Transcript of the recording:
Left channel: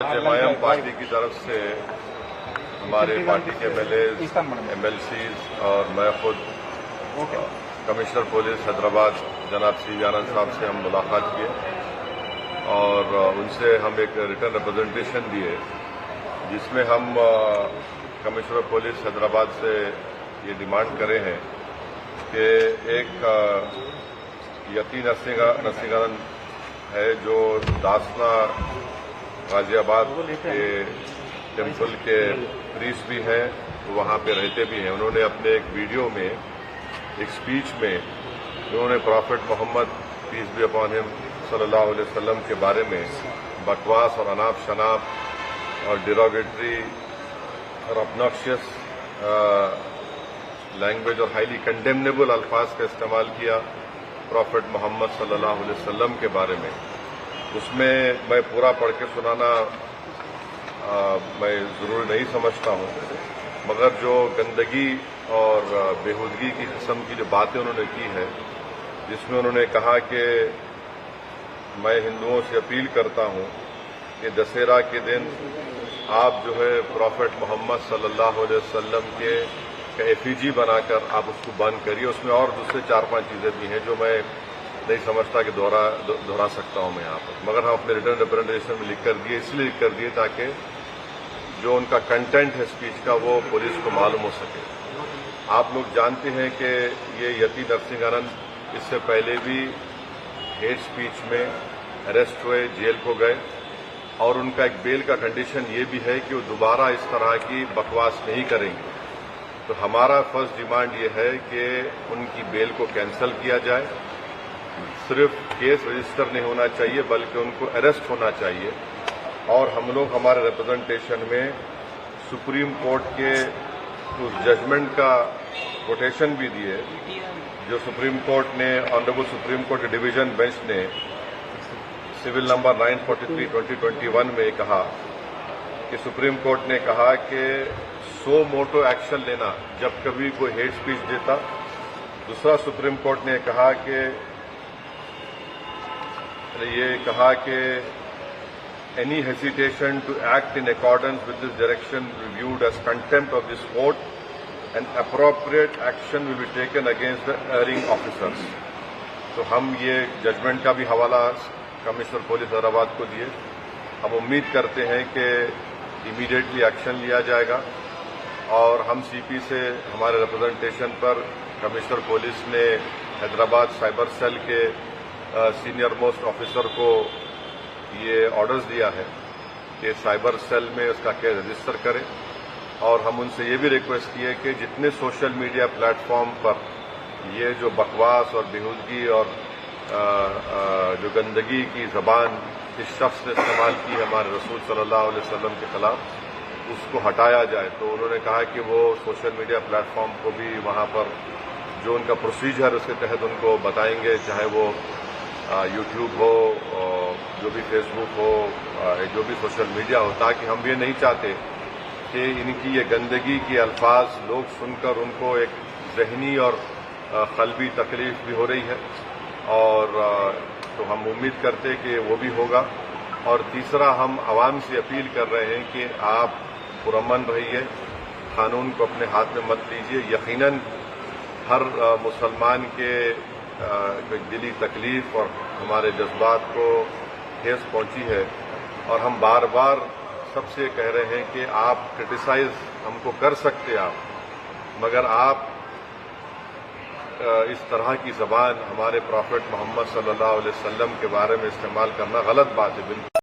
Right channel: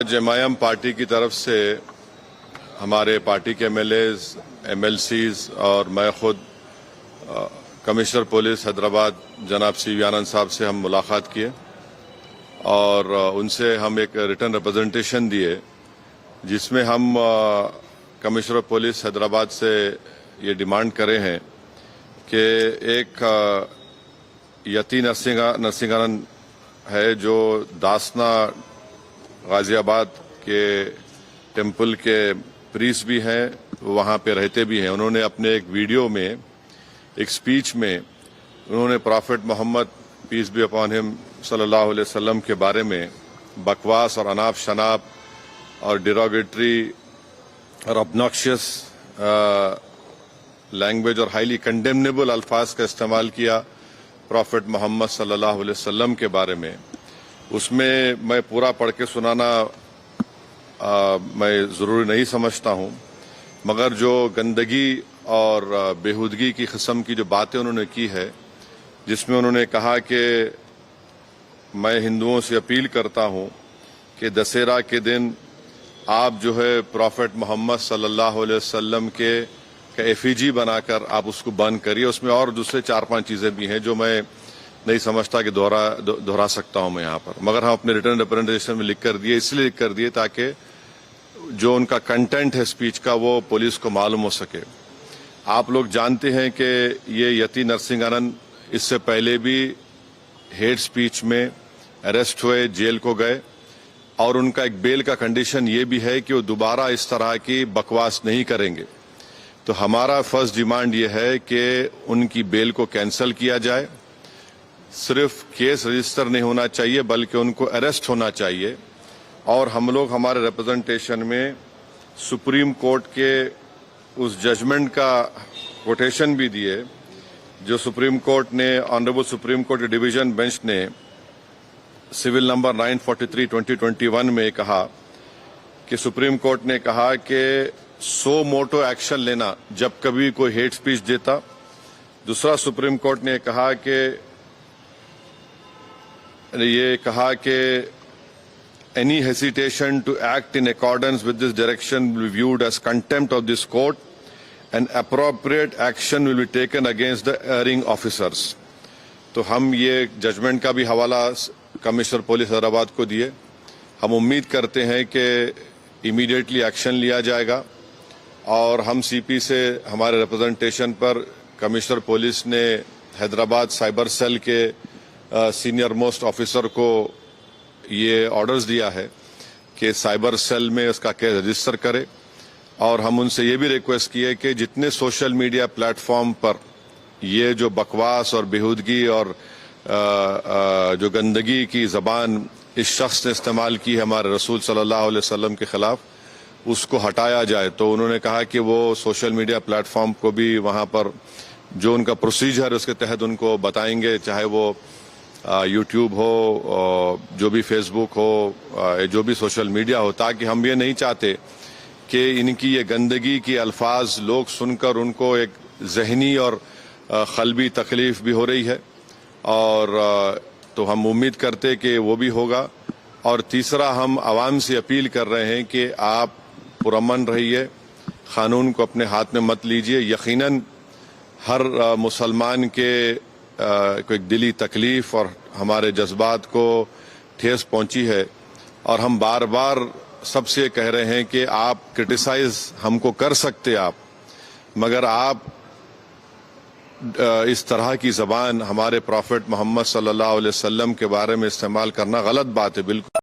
جماعم party کی طرف سے ہمارے پارٹی کے M L As, M L Cs اور میں خود کمشنر پولیس حیدرآباد جناب سی وی آنند صاحب سے ہم ملاقات کیے اور ان سے ہم ایک ریٹن ریپرزنٹیشن دیے جس میں ہم کمشنر پولیس حیدرآباد سے یہ ڈیمانڈ کرے ہیں کہ ایک یتی نرسنگن ہے جو داسنا غازی آباد کے ٹیمپل کے پریس بھی ہیں، وہاں پہ رہتے بھی ہیں۔ انہوں نے اپنے ایک ویڈیو میں ایک سپیچ میں انہوں نے prophet Muhammad peace be upon ہم صلی اللہ علیہ وسلم کے بارے میں بکواس اور اناپ شناپ اور ڈیروگیٹری اور obnoxious لینگویج اور ہائیلی کنڈیمنیبل الفاظ کا استعمال کیا پرافٹ محمد صلی اللہ علیہ وسلم کے بارے میں۔ اس میں میں پورا پڑھ کے سنانا میں ضروری نہیں سمجھتا ہوں، مگر جو گندگی اور بےہودگی کی قسم کی جو باتیں انہوں نے کی ہے، جس میں انہوں نے کہا کہ میں ہندوؤں سے اپیل کرتا ہوں کہ دسہرہ کے دن آپ جو ہے پرافٹ محمد صلی اللہ علیہ وسلم کے ایفیجی بنا کر آپ اس کو بند کریے۔ اس میں اور دوسرے 4-5 چیزیں بھی ہیں جو میں نہیں سمجھتا کہ دہرا سکتا ہوں میں یہاں پر، مگر ہم اپنے ریٹن ریپرزنٹیشن میں لکھ کر دیے، اس لیے لکھ کر دیے تاکہ جو ان کا کنٹینٹ ہے سپیچ کا وہ پولیس کو معلوم ہو سکے۔ آپ لوگ جانتے ہیں کہ یہ یتی نرسنگن اس سے پہلے بھی ہیٹ سپیچ میں اریسٹ ہوئے، جیل کو گئے، اور ان کا ایک بیل کا کنڈیشن یہ بھی ہے کہ وہ دوبارہ اس طرح کی بکواس نہیں کریں گے۔ تو ہمارا فرسٹ ڈیمانڈ یہ ہے کہ ان کی بیل کو کینسل کیا جائے، صرف کیس رجسٹر نہیں ہونا چاہیے بلکہ ان کو اریسٹ ہونا چاہیے۔ اور ہم لوگ ہمارے ریپرزنٹیشن میں سپریم کورٹ کے اس ججمنٹ کا کوٹیشن بھی دیے جو سپریم کورٹ نے، آنریبل سپریم کورٹ کے ڈویژن بینچ نے سول نمبر 943/2021 میں کہا کہ سپریم کورٹ نے کہا کہ سو موٹو ایکشن لینا جب کبھی کوئی ہیٹ سپیچ دیتا۔ دوسرا سپریم کورٹ نے کہا کہ any hesitation to act in accordance with this direction will be viewed as contempt of this court and appropriate action will be taken against the erring officers۔ تو ہم یہ judgment کا بھی حوالہ کمشنر پولیس حیدرآباد کو دیے۔ ہم امید کرتے ہیں کہ امیڈیٹلی ایکشن لیا جائے گا، اور ہم سی پی سے ہمارے ریپرزنٹیشن پر کمشنر پولیس نے حیدرآباد سائبر سیل کے سینئر موسٹ آفیسر کو یہ آرڈرز دیا ہے کہ سائبر سیل میں اس کا کیس رجسٹر کرے، اور ہم ان سے یہ بھی ریکویسٹ کیے کہ جتنے سوشل میڈیا پلیٹ فارم پر یہ جو بکواس اور بےہودگی اور جو گندگی کی زبان اس شخص نے استعمال کی ہے ہمارے رسول صلی اللہ علیہ وسلم کے خلاف، اس کو ہٹایا جائے۔ تو انہوں نے کہا کہ وہ سوشل میڈیا پلیٹ فارم کو بھی وہاں پر جو ان کا پروسیجر ہے اس کے تحت ان کو بتائیں گے، چاہے وہ یوٹیوب ہو، جو بھی فیس بک ہو، جو بھی سوشل میڈیا ہو، تاکہ ہم یہ نہیں چاہتے کہ ان کی یہ گندگی کے الفاظ لوگ سن کر ان کو ایک ذہنی اور قلبی تکلیف بھی ہو رہی ہے، اور تو ہم امید کرتے کہ وہ بھی ہوگا۔ اور تیسرا، ہم عوام سے اپیل کر رہے ہیں کہ آپ پرامن رہیے، قانون کو اپنے ہاتھ میں مت لیجیے۔ یقیناً ہر مسلمان کے کوئی دلی تکلیف اور ہمارے جذبات کو ٹھیس پہنچی ہے، اور ہم بار بار سب سے کہہ رہے ہیں کہ آپ کرٹیسائز ہم کو کر سکتے آپ، مگر آپ اس طرح کی زبان ہمارے پرافٹ محمد صلی اللہ علیہ وسلم کے بارے میں استعمال کرنا غلط بات ہے بالکل۔